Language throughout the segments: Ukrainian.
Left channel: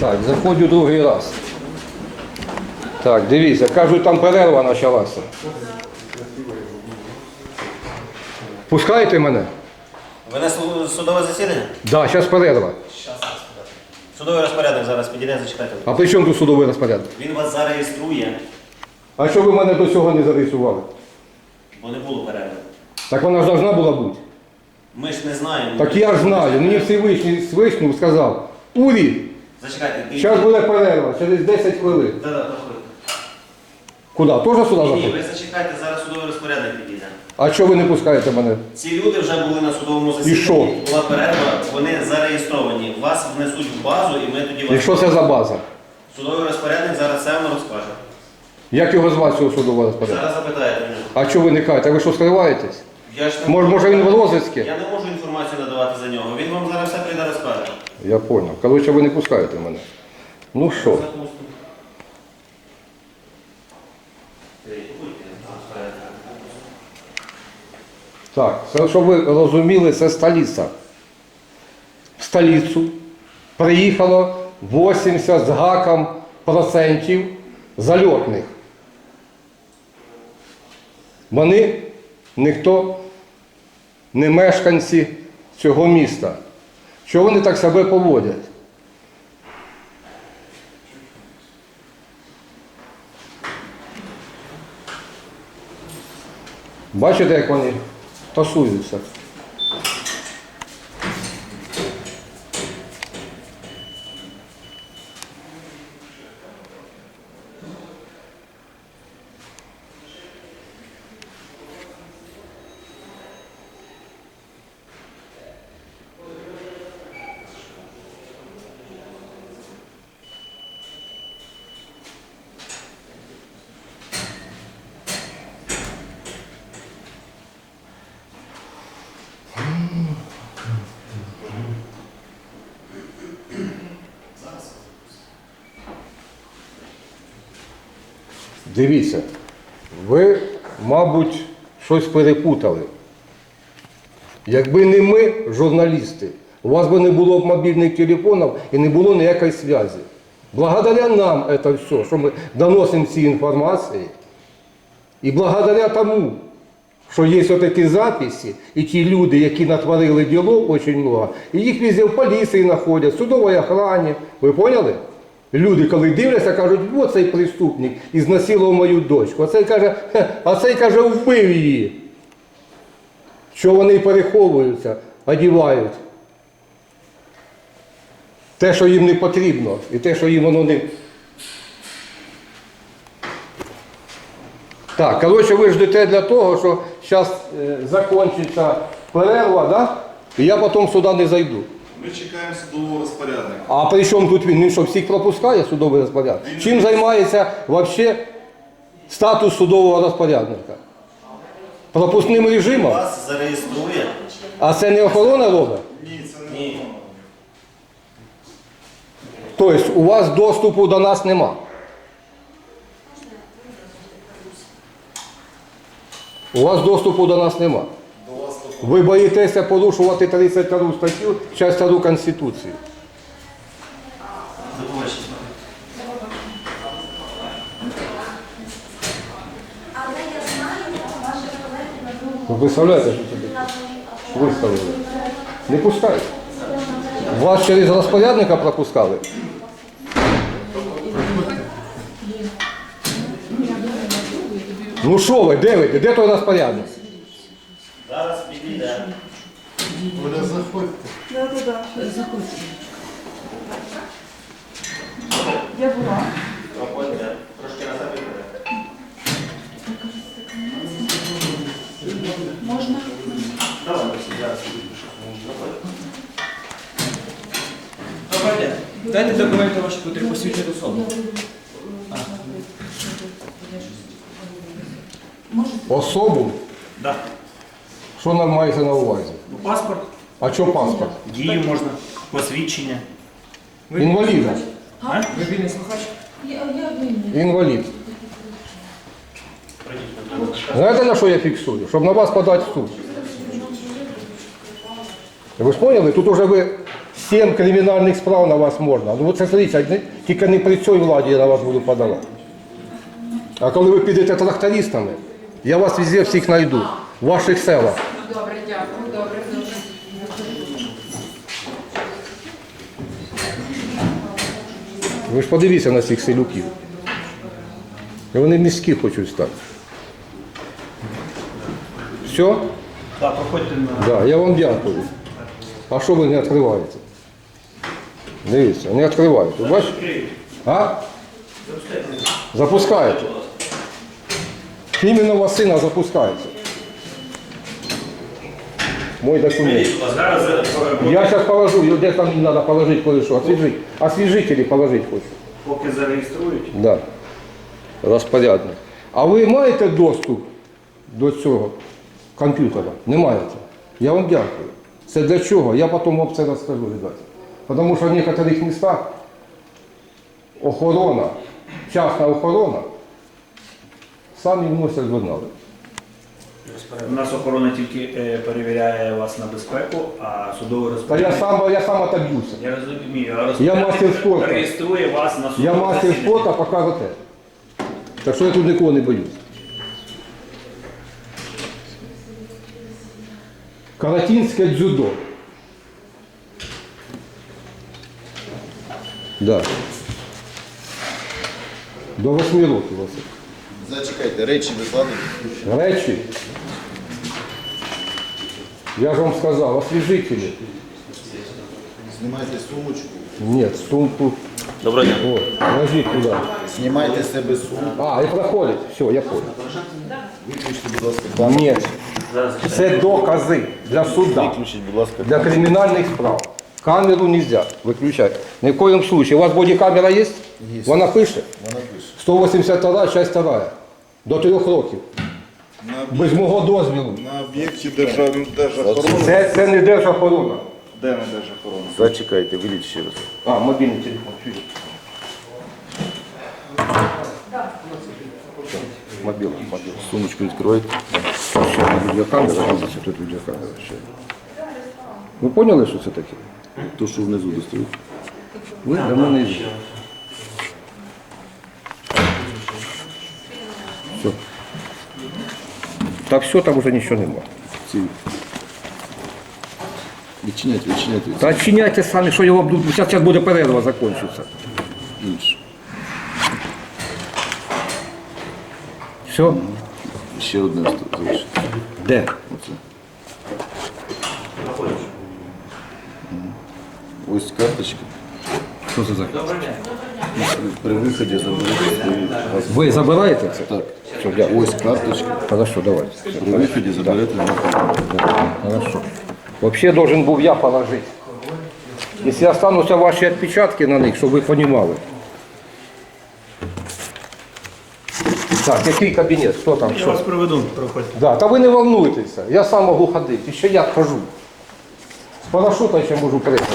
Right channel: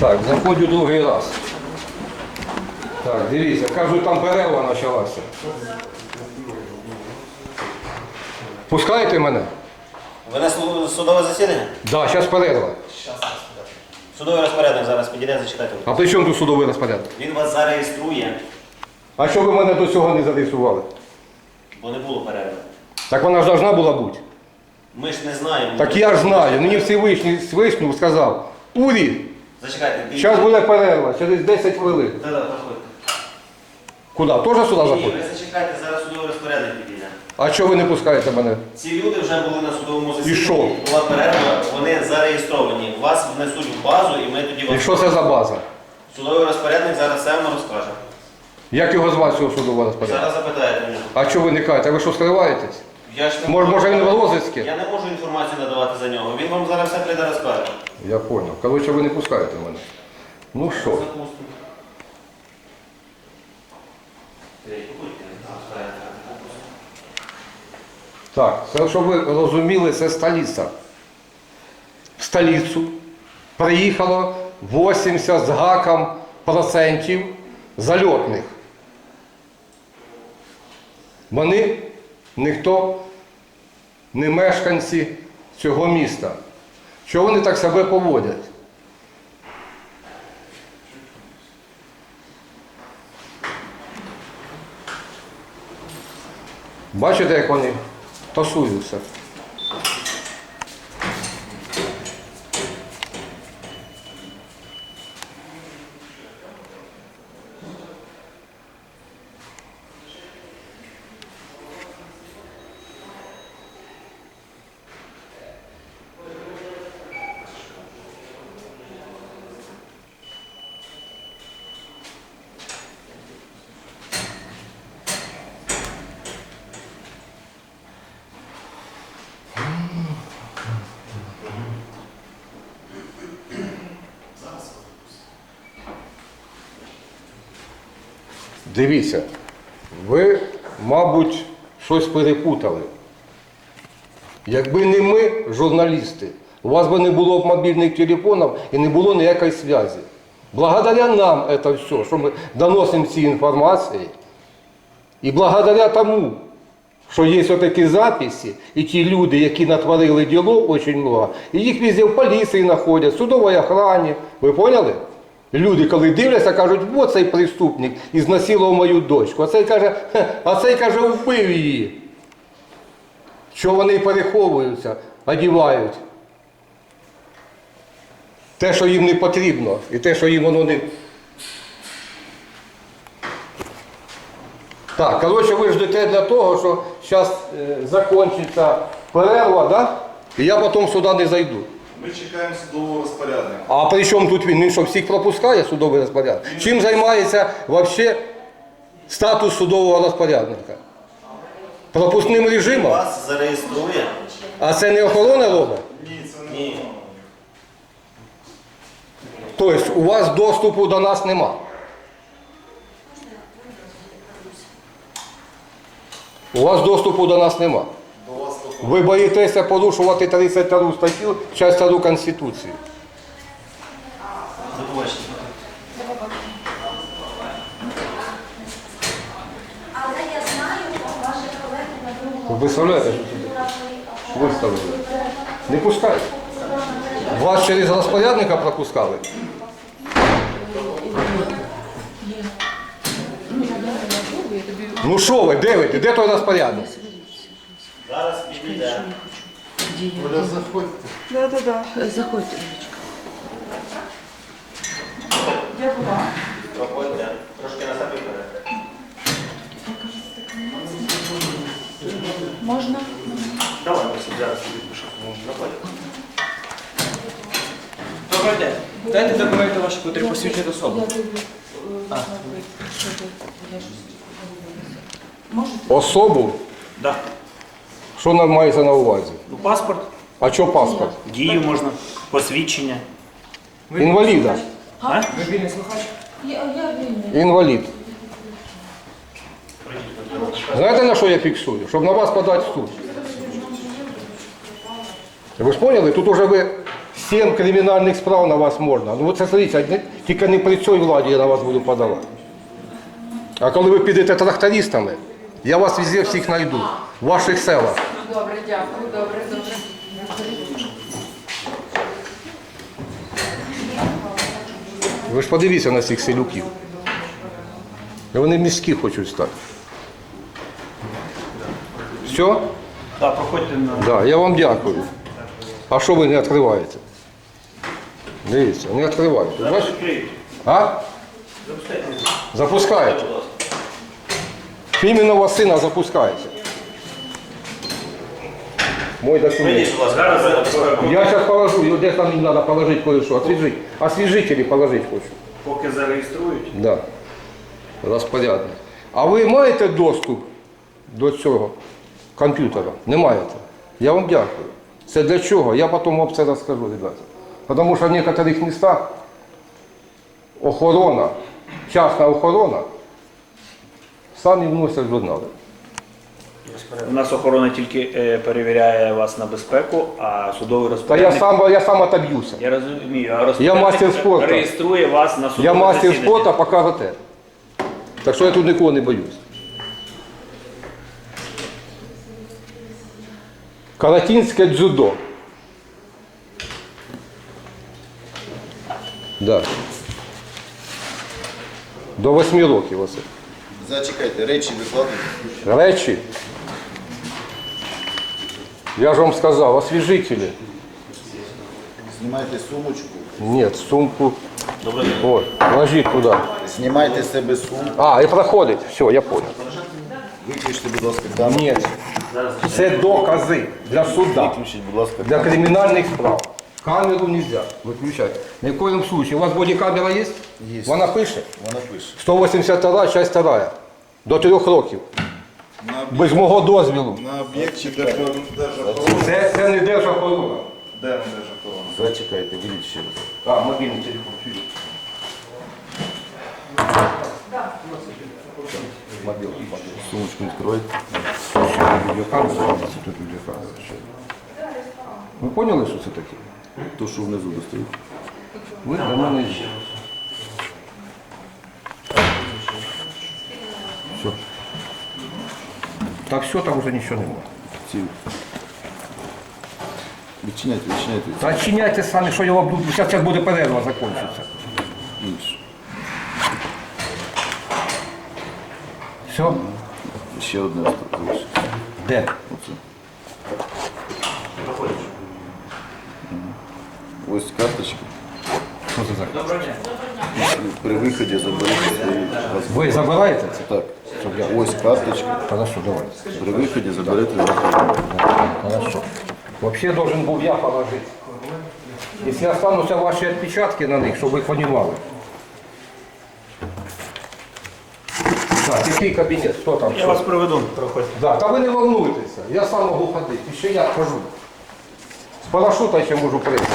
Так, заходжу другий раз. Так, дивіться, кажуть, там перерва почалася. Пускаєте мене? Ви на суд- судове засідання? Так, да, зараз перерва. Судовий розпорядок зараз підійде, зачекайте. А при чому тут судовий розпорядок? Він вас зареєструє, А що ви мене до цього не зареєстрували? бо не було перерви. Так вона ж должна була бути. Ми ж не знаємо. Так я ж знаю, мені Всевишній Всевишній сказав, Урі, Зачекайте, ти- зараз буде перерва, через 10 хвилин. Да-да, проходьте. Куди? Теж сюди Ні, ні, заходить? ви зачекайте, зараз судовий розпорядок підійде. А чого ви не пускаєте мене? Ці люди вже були на судовому засіданні. що? Була перерва, вони зареєстровані. Вас внесуть в базу і ми тоді І вас. що це за база? Судовий розпорядник зараз все вам розкаже. Як його звати цього судового розпорядку? Зараз запитаєте мене. А чого ви не кажете? Ви що скриваєтесь? Я ж не Може, можу- може він в розвитку? Я не можу інформацію надавати за нього. Він вам зараз все прийде розкаже. Я зрозумів. Коротше, ви не пускаєте мене. Ну що? Запустимо. Так, це, щоб ви розуміли, це столиця. В столицю приїхало 80 з гаком процентів зальотних. Вони ніхто не мешканці цього міста. Чого вони так себе поводять? Бачите, як вони тасуються? Дивіться, ви, мабуть, щось перепутали. Якби не ми, журналісти, у вас би не було б мобільних телефонів і не було ніякої зв'язку. Благодаря нам це все, що ми доносимо ці інформації, і благодаря тому, що є такі записи, і ті люди, які натворили діло, дуже багато, і їх везде в поліції знаходять, в судовій охрані. Ви поняли? Люди, коли дивляться, кажуть, от цей преступник і знасилував мою дочку. А цей каже, «Хе, а цей каже, вбив її. Що вони переховуються, одівають. Те, що їм не потрібно, і те, що їм воно не. Так, коротше, ви ждете для того, що зараз е, закінчиться перерва, да? і я потім сюди не зайду. Ми чекаємо судового розпорядника. А при чому тут він? Він що всіх пропускає судовий розпорядок? Чим займається взагалі статус судового розпорядника? Пропускним режимом? Вас зареєструє. А це не охорона робить? Ні, це не Ні. Тобто у вас доступу до нас нема. У вас доступу до нас нема. Ви боїтеся порушувати 32 статтю, частину Конституції. До. Але я знаю, ваші колеги на другому Ви представляєте, що сюди виставили? Не пускають. Вас через розпорядника пропускали? Ну що ви, де ви? Де той розпорядник? Оля, заходьте. Заходьте. Проходьте. Трошки на себе берете. Можна? Давай, ось зараз підпишу. Проходьте. Добрий день. Дайте документи ваші, котрі посвідчують особу. Особу? Да. Що нам мається на увазі? Ну, паспорт, А що паспорт? дію можна, посвідчення. Інваліда. А? Ви вільний слухач? Я, я вільний. Інвалід. Знаєте, на що я фіксую? Щоб на вас подати в суд. Ви ж поняли? Тут уже ви Сім кримінальних справ на вас можна. Ну, це смотрите, не- тільки не при цій владі я на вас буду подавати. А коли ви підете трактористами, я вас везде всіх знайду, в ваших селах. Добре, дякую, добре, добре. Ви ж подивіться на цих селюків. Вони міські хочуть стати. Все? Так, проходьте на. Да, я вам дякую. А що ви не відкриваєте? Дивіться, не відкриваєте. Бачите? А? Запускаєте. Іменно сина запускаєте. Мой документ. Я сейчас положу, его где там надо положить кое-что, освежить. Освежители положить хочу. поки зареєструють. Да. Розпорядник. А ви маєте доступ до цього комп'ютера? Не маєте. Я вам дякую. Це для чого? Я потім вам це розкажу, ребята. Тому що в некоторих містах охорона, частна охорона, самі вносять журнали. У нас охорона тільки е, перевіряє вас на безпеку, а судовий Та розпорядник... я сам, я сам отоб'юся. Я розумію, а розпорядник мастер спорту. реєструє вас на судове Я мастер засідання. спорту, покажете. Так що я тут нікого не боюсь. Каратинське дзюдо. Да. До восьми років оце. Зачекайте, речі викладені. Речі. Я ж вам сказав, освіжителі. Знімайте сумочку. Ні, сумку. Доброго дня. О, ложіть туди. Знімайте з себе сумку. А, і проходить. Все, я понял. Виключте, будь ласка, камеру. Ні. Це докази для суда. Виключіть, будь ласка. Для кримінальних справ. Камеру нельзя виключати. Ні в коєму случае. У вас бодікамера є? Є. Вона пише? Вона пише. 182, часть 2. До трьох років. На, Без мого дозвілу. на об'єкті держав... держохорони. Це, це не держохорона. Де на держохорони? Зачекайте, виліть ще раз. А, мобільний телефон. чую. Мобільний, мобільний. Сумочку відкройте. Відеокамера, тут відеокамера. ще. Ви поняли, що це таке? То, що внизу достають. Ви для мене є. Все. Та все, там вже нічого немає. Ці... Відчиняйте, відчиняйте. Та чиняйте самі, що я вам буду. Зараз, зараз буде перерва, закінчиться. Інше. Все? Ще одне залишиться. Де? Оце. Ось карточки. Що це за? При виході заберіть свої газ. Ви забираєте це? Так. Все, дякую. Ось карточка. Хорошо, давайте. При виході заберете газ. Хорошо. Вообще должен был я положить. Если останутся ваши отпечатки на них, чтобы вы понимали. Так, який кабінет? Хто там? Я Що? вас проведу, проходьте. Да, та ви не волнуйтеся, я сам можу ходити, і ще я хожу. З парашута ще можу пригати.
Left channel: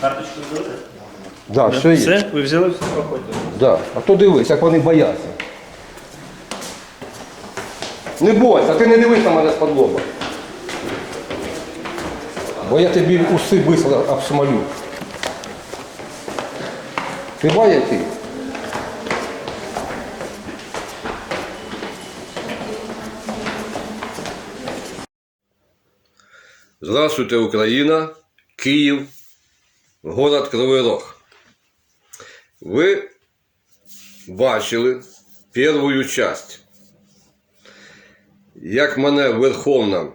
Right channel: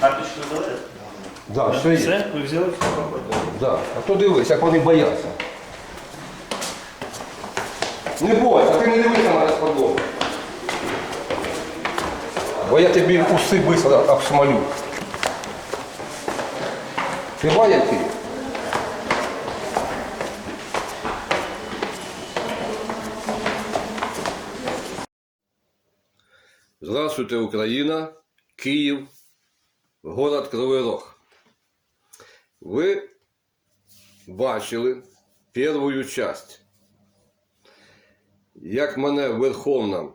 Карточку взяли? Да, все є. Все? Ви взяли? Все. Да. А то дивись, як вони бояться. Не бойся, ти не дивись на мене з подлога. Бо я тобі уси быстро обшмалю. Ти який? Здравствуйте, Украина, Киев, город Кривий Рог. Ви бачили першу часть, як мене в Верховному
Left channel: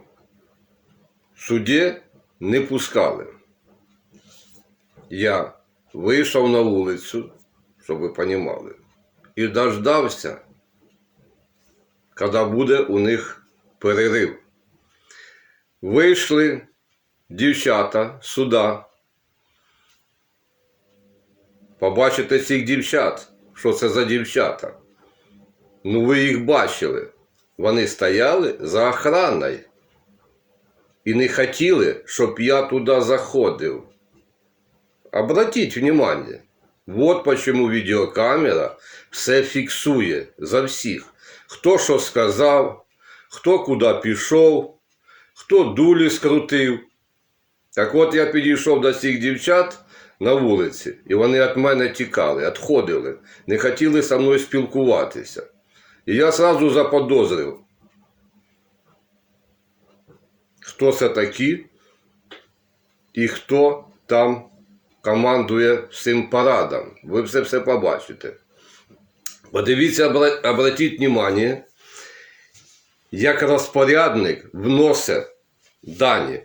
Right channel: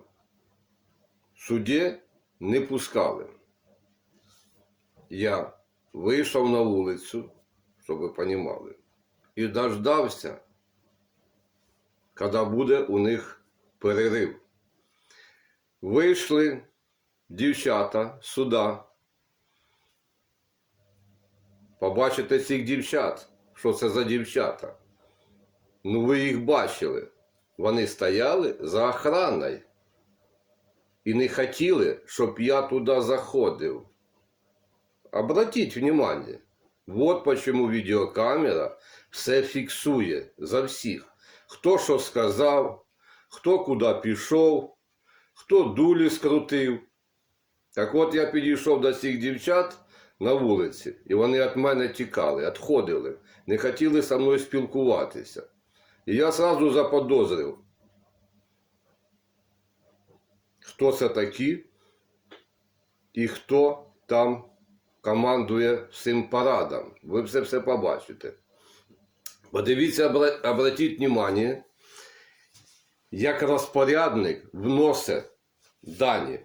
суді не пускали. Я вийшов на вулицю, щоб ви розуміли, і дождався, коли буде у них перерив. Вийшли дівчата сюди. Побачите цих дівчат. Що це за дівчата? Ну, ви їх бачили. Вони стояли за охраною. І не хотіли, щоб я туди заходив. Обратіть внимание. Вот почему відеокамера все фіксує за всіх. Хто що сказав, хто куди пішов, хто дулі скрутив. Так от я підійшов до цих дівчат На вулиці, і вони від мене тікали, відходили, не хотіли зі мною спілкуватися. І я одразу заподозрив, хто це такі і хто там командує всім парадом. Ви все все побачите. Подивіться, обратіть увагу, як розпорядник вносить дані.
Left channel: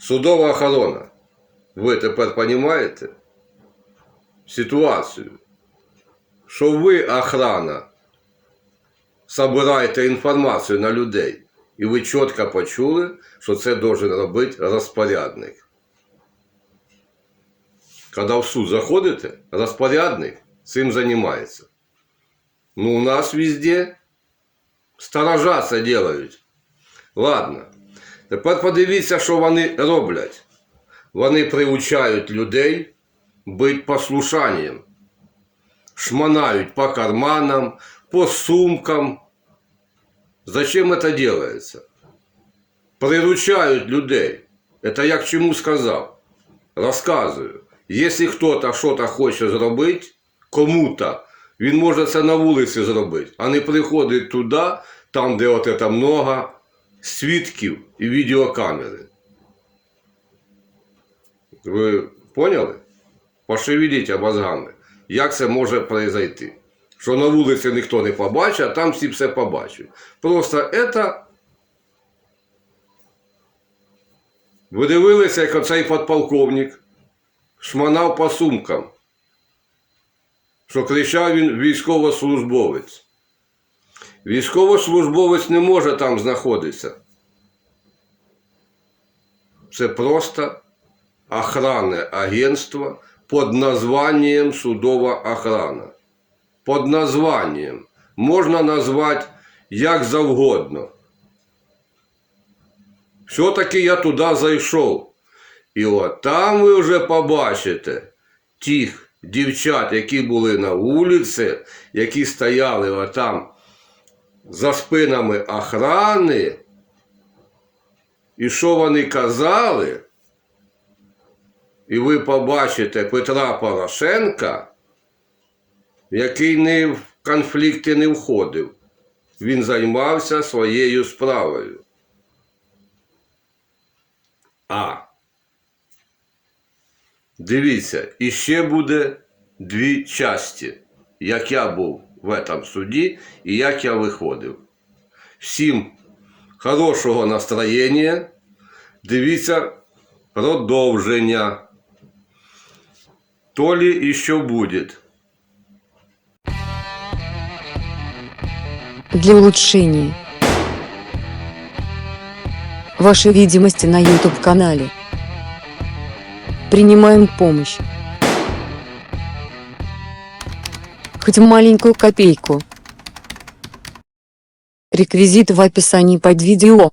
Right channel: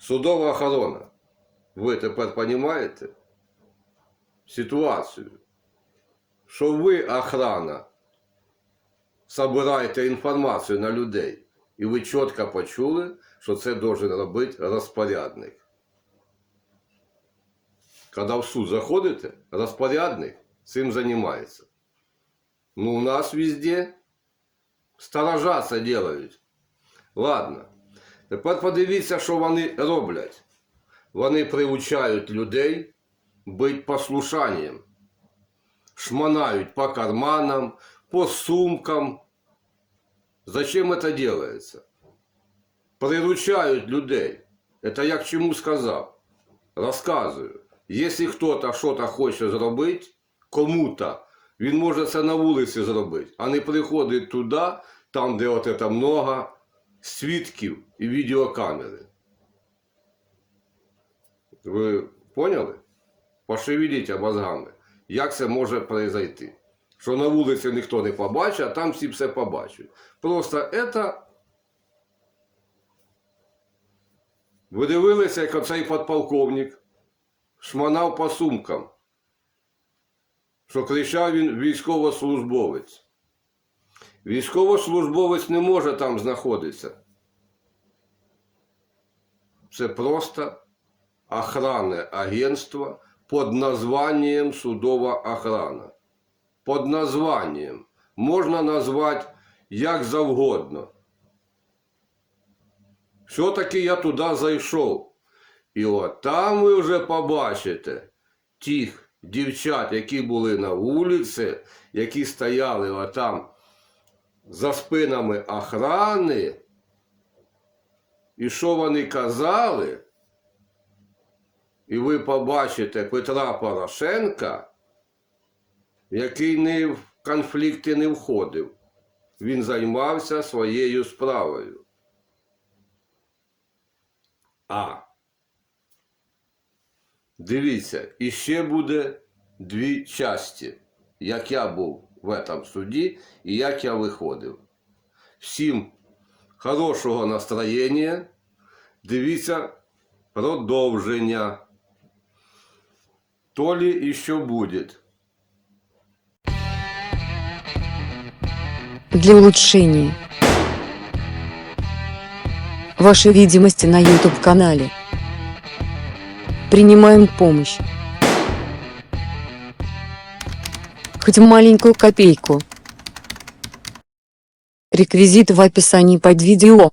Судова охорона. Ви тепер розумієте ситуацію, що ви, охрана, збираєте інформацію на людей, і ви чітко почули, що це должен робити розпорядник. Коли в суд заходите, розпорядник цим займається. Ну, у нас везде сторожа це делають. Ладно. Тепер подивіться, що вони роблять. Вони приучають людей бути послушанням. Шмонають по карманам, по сумкам. Зачем это делается? Приручають людей. Это я к чему сказав. Розказую. Якщо хтось щось хоче зробити, кому-то, він може це на вулиці зробити, а не приходить туди, там, де от це много свідків і відеокамери. Ви поняли? Пошевеліть мозгами. Як це може произойти? Що на вулиці ніхто не побачить, а там всі все побачать. Просто це. Ви дивилися, як оцей подполковник шманав по сумкам, що кричав він військовослужбовець. Військовослужбовець не може там знаходитися. Це просто охранне агентство під названням судова охрана. Під названням можна назвати як завгодно. Все-таки я туди зайшов. І от там ви вже побачите тих дівчат, які були на вулиці, які стояли отам за спинами охрани. І що вони казали? І ви побачите Петра Порошенка, який не в конфлікти не входив. Він займався своєю справою. А. Дивіться, іще буде дві часті, як я був в этом суді і як я виходив. Всім хорошого настроєння. Дивіться продовження. То ли еще будет. для улучшения вашей видимости на YouTube-канале. Принимаем помощь. Хоть маленькую копейку. Реквизиты в описании под видео.